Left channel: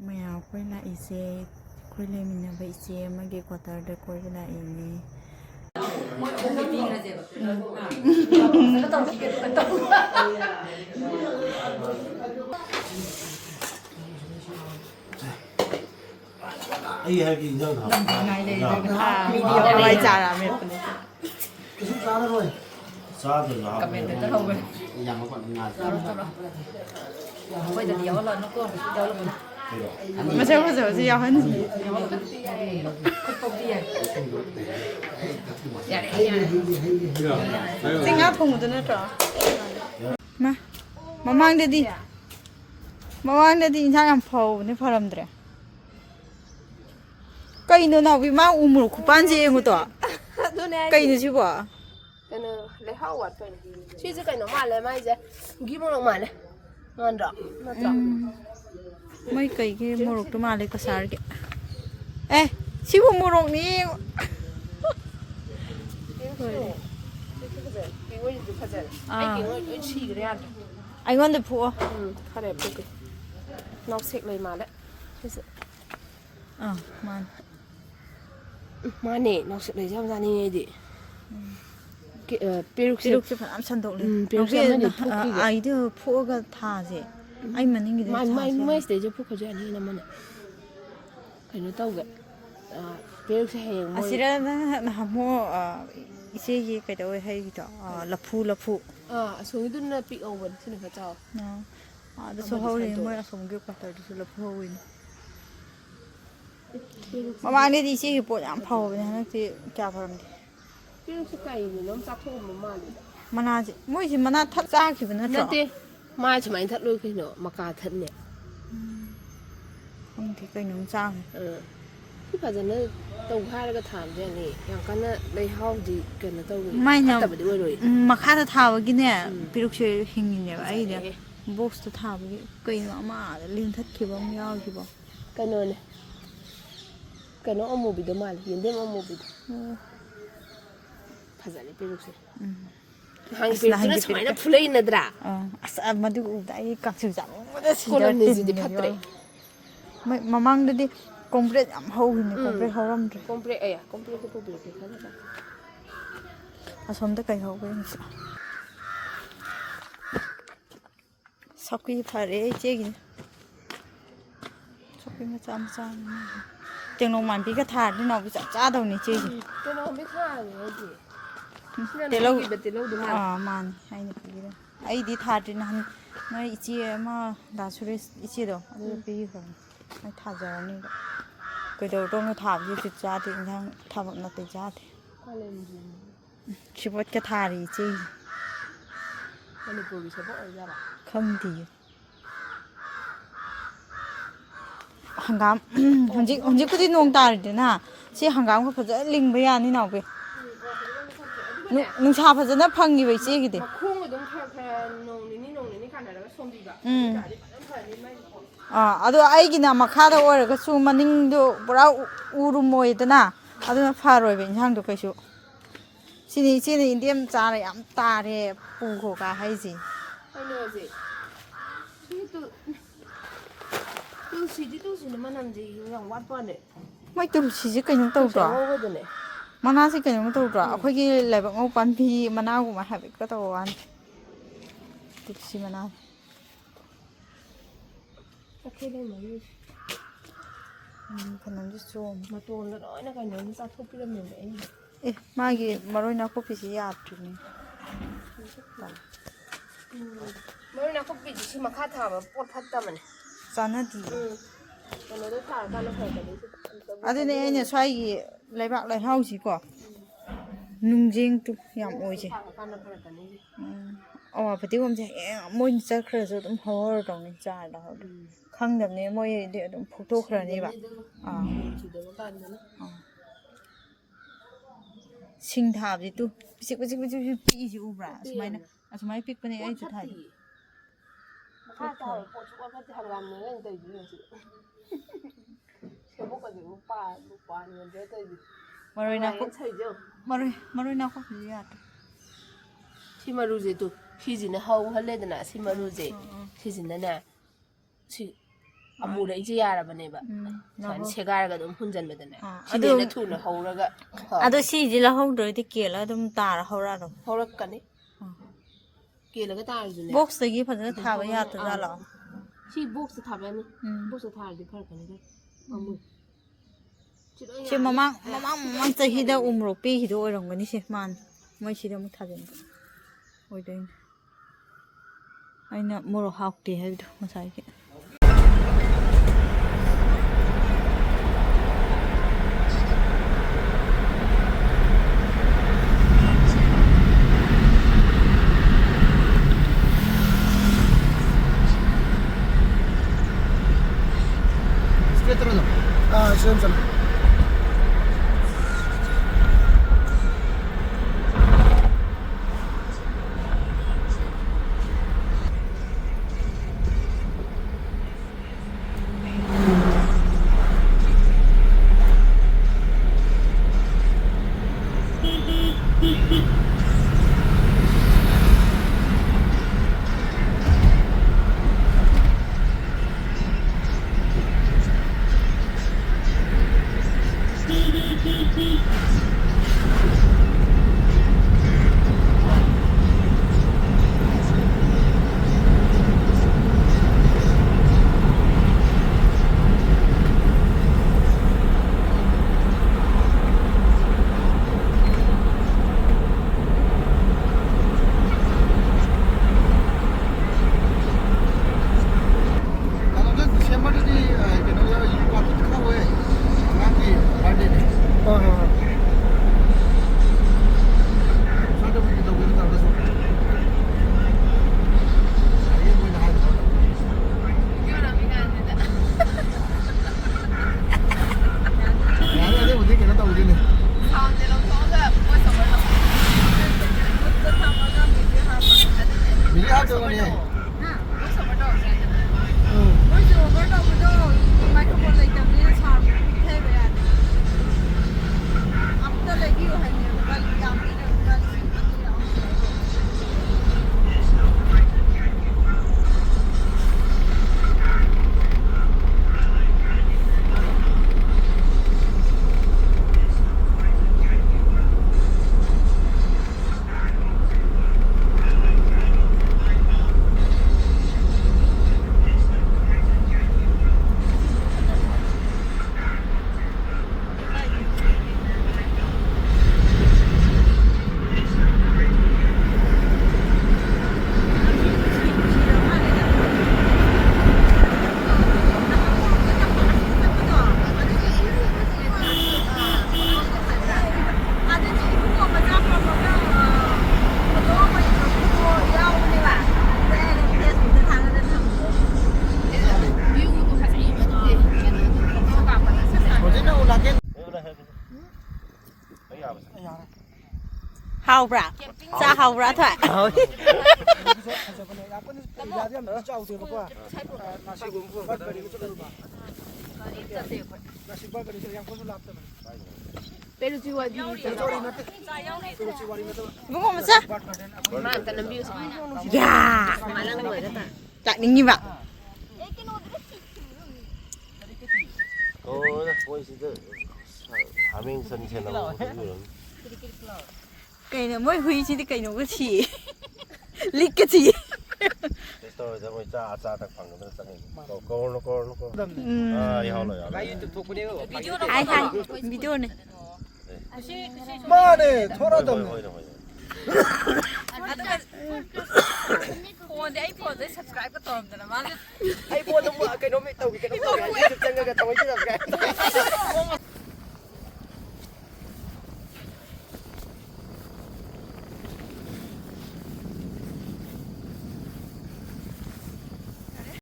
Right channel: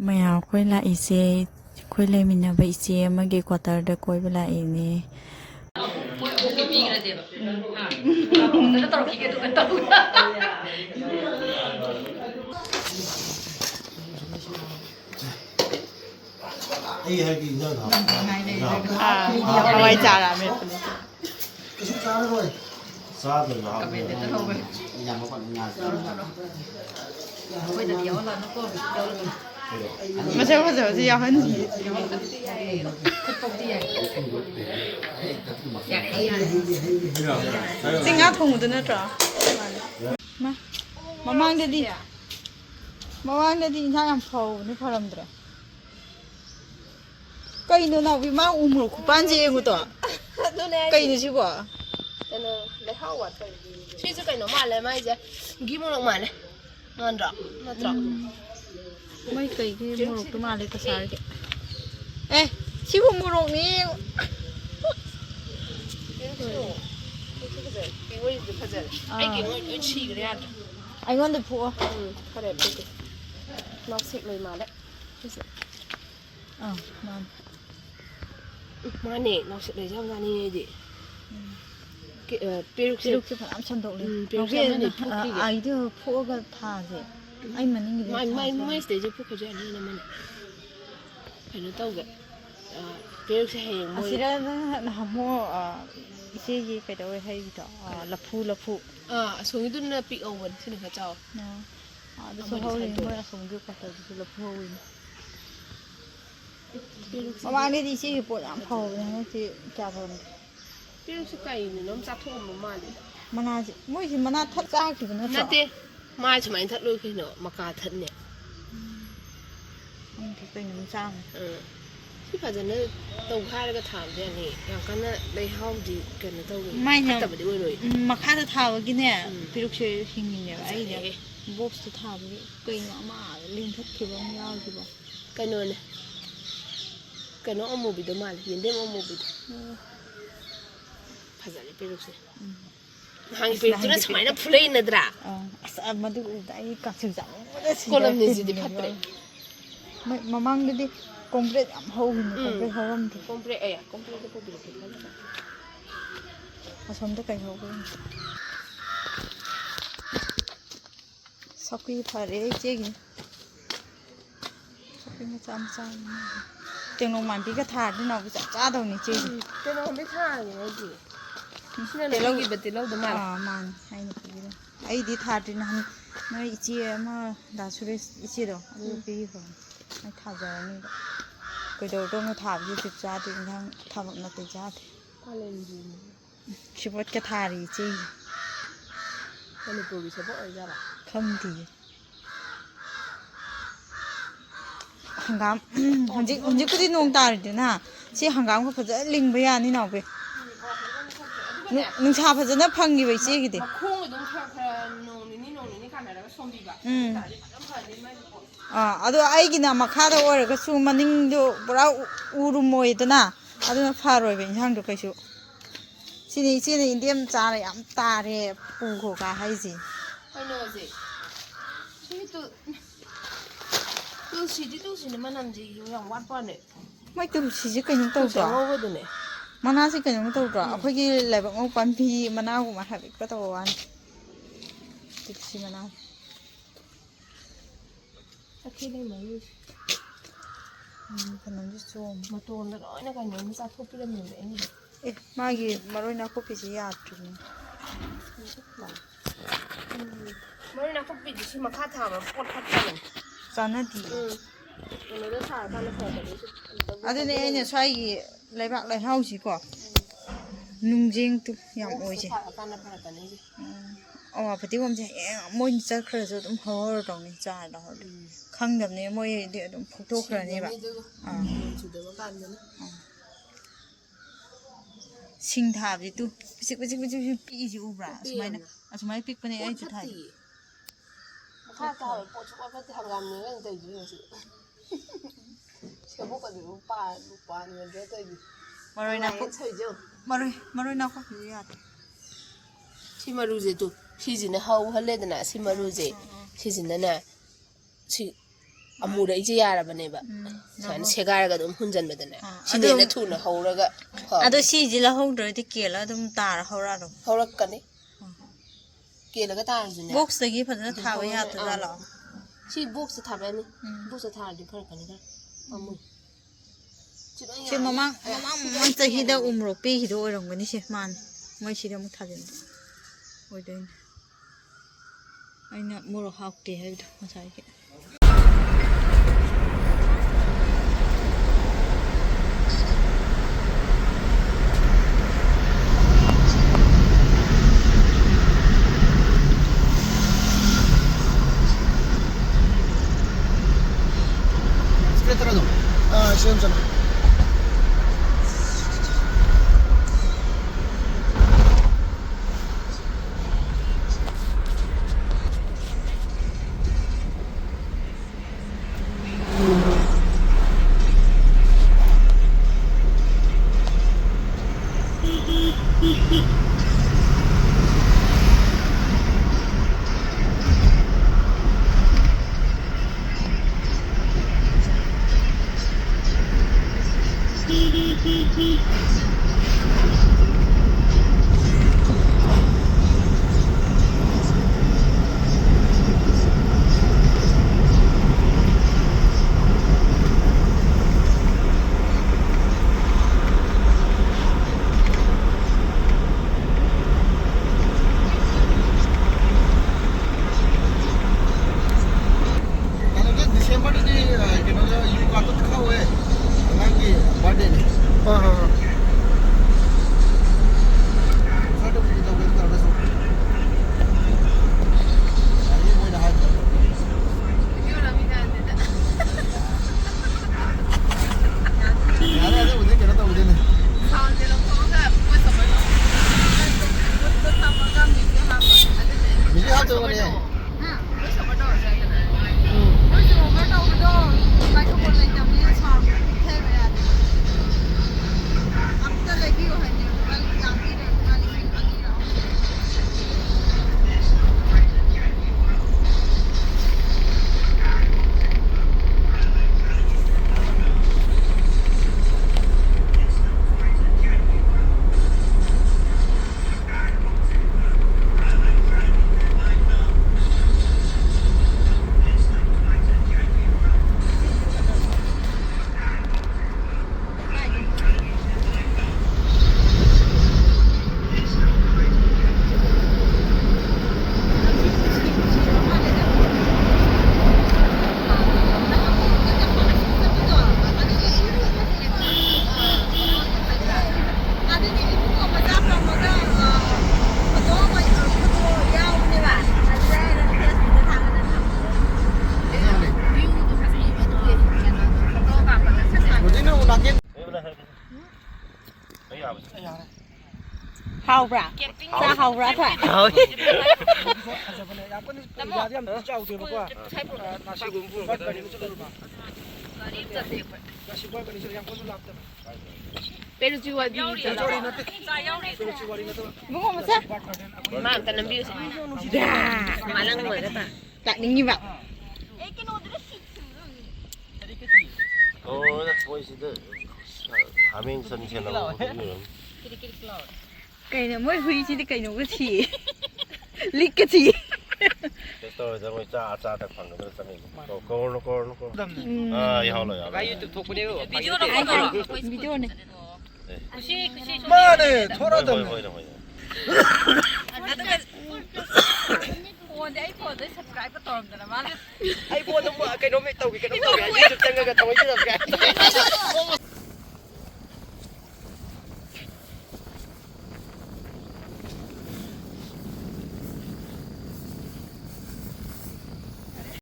Maya khoi la ise khoi le mina ba ise amage quarter da koi bala ini hawai chara me pune Macam macam sih yang ni. Singa thong tu na tra. Nah, mamang dedi. Mamang dedi insan yang pau ni pharam dre. Kau ini nak bima umur kupan je yang tu. Kau ini siapa? Ini lehau wat. Sih tu kau nak malah mai je. Gimana nak malah? Ngandrak, ngandrak. Mấy cây cái mô rục tôi mà lấy cái sár kìa. Ê, xíu mô rục ní. Anh ngon được phụ. Nó xịt lời mà đấy. Man. Mà nè, nó xịt lời trong ra nè gì. Piruk sẽ phải ăn sân đậu lên. Nó kia ai thì phụ cái thà gì. Anh mà những cái mai sẽ cho phụ cái gì này mà nè. Phải nó tao vậy. Piruk sẽ hẹn môi. Sẽ là họ mua cái gì cái đâu hay gì đó lập phụ. Xuống cái nó bị over xin được chào. Đó số hậu lên mới là xuống được cả tới thì lập hậu lên. Mà anh đi xe thì bộ giảm phầu này nó thì chả phải. Piruk sẽ cày mình nó sát thôm mà đi. Mana gì, mỗi khi mana thắt ra thì nó chọ. Mai chỉ mấy thắt đôi khi nữa mà cả thắt nhỉ. Không thì cái nó sang. Chứ phải giờ nó tàu khai cái thảm thế này, yang cái nó đây hao gì cần nó tàu. Mai nào mà khai nó tháo cái nè, Piruk sẽ hình như vậy đấy. Box nó tháo cái nó mà liên thắt thì bao nhiêu thì bao. Cái nồi này, cái nó ôm một bịch đồ mà, hiện đêm ôm một bịch. Phải giờ này Piruk sẽ. Hàng Piruk nó sắm nó play nữa ra. Sao mà được cái các sự giảm. Cô làm gì đi phát đấy. Mà mang đi complete giảm hậu hình complete hậu âm rồi. Complete complete cái bịch này. Xong tất cả hậu cái. Sau khi phải để chế gì. Sau khi nó chăm. Tiếng nông màn cái thà thế nào cái chả đâu này chế gì. Cái nó không biết thà gì hết gì. Tiền lâu đúng không? Man, hay là cái đó. Ai đi thà thì nó chỉ mà đã suy chỉ đâu, cái rồi, nó thà giờ này. Cái đầu trong nó thà gì thì giá thì thằng thà vẫn là cái giá thì. Chỉ bắt cái thà thì chứ. Cái này bự sẽ bỏ ra à? Không thì. Hangam, hôm nay cái nông ta rồi nè, chỉ hangam có phải rất linh bây giờ như nào vậy? Nung cha phải nó phăng như vậy chứ cái gì? Ado ai cái nào mà khá đâu rồi cái số mà ninh do bora urum mồi đó na, ado nó pha rồi bên trong được cái số. Xin đi điểm trả lại ám ta để bù khổ cả hay gì? Hay nói gì? Tôi xin mà làm gì dùng quát vào này? Mấy tụi chỉ cái những tàu đó. Mana sih kan yang tahu dah. Aku lagi lepas ngau panpi mana aku mah habis ketahuan. Itu sih mana. Tapi dah mana? Kan nanti som. Matuan dah orang nak kan yang satu film yang ini. Magi baru nak kopi sih ya tu ni. Baru nak kopi sih makan thang, pot thang. Sana di. Kalau dah thang, kalau thang tadi. Ada ni ini saya lấy bạc lấy hao gì cả, nung riêng tu, yam oi chứ. Phải tiêu hôm chứ, mỗi giờ khởi giờ cũng hao rồi này, trả đó, khăng đập này mỗi địa cũng phụ thuộc rồi này bạn. Sinh tháp gì tu, bích pi gì u bra, số mấy pick bên này ai chụp thay. Maroi na ko ya. Si maruze tu, si zina hau halle dana si maruze, si zina na si ꯑꯃꯨꯗ 이제 ꯌꯥꯔꯕꯅꯦꯕ ꯁꯥꯏꯅ ꯁꯦꯒꯥꯏꯔꯒ ꯑꯗꯨꯝ ꯍꯨꯟꯖꯟꯕꯗꯅꯦ ꯁꯤꯗ ꯊꯨꯅ ꯍꯧꯔꯒ ꯑꯗꯣ ꯁꯤꯖꯤ ꯂꯍꯧꯗ꯭ꯔꯗꯤ ꯀꯦꯜꯂ ꯑꯗꯨꯝ ꯇꯥꯔ ꯍꯧꯔꯛꯑꯔꯣ ꯍꯧꯔꯛꯀꯅꯤ ꯀꯦꯜꯂꯒ ꯇꯥꯔꯖꯨꯅꯦ ꯕꯣꯛꯁꯇꯒꯤ ꯐꯖꯅ ꯊꯥꯕ ꯌꯥꯗꯖꯥꯠꯂꯣ ꯁꯤ ꯕꯣꯛꯁꯇ ꯊꯥꯕ ꯌꯥꯅꯤ ꯕꯣꯛꯁꯇ ꯊꯥꯔꯗꯤ ꯐꯔꯛꯀꯅꯤ ꯈꯔ ꯑꯃꯨ ꯁꯤ ꯃꯃꯥꯡ ꯆꯍꯤꯗ ꯎꯃꯣꯔꯣꯛ ꯄꯤꯈꯤꯗ ꯑꯣꯏꯔꯝꯒꯅꯤ ꯁꯦ ꯃꯥꯅꯤ ꯃꯣꯏ ꯁꯤꯗ ꯑꯃꯨꯛ ꯊꯥꯖꯤꯟꯕ ꯑꯣꯏꯗꯣꯏꯅꯤ ꯑꯩꯅ ꯃꯣꯔꯣꯛ ꯍꯥꯞꯀꯦ ꯍꯥꯏꯕꯗꯣ ꯉꯁꯥꯏꯒꯤ 시험 잖아. 하우브라 자 하우브라 돼 먹어 보자 마한테는 비우세 야 딱닝이봐 보이시드 하밍선 채널 cái này mới huy chỉ cái nó cái gì lít cái gì tôiจะไปจ้าแต่ฝั่งนู้นจะไม่ก็ยาวเลยอ่ะvideo này 마네 토라도 subscribe ก็ตอมแต่ละมา ไอ้พวกต้องว่าไอ้น้องไม่ตกไอ้น้องตกไอ้จุดจังก็ต้องไอ้จุดจัง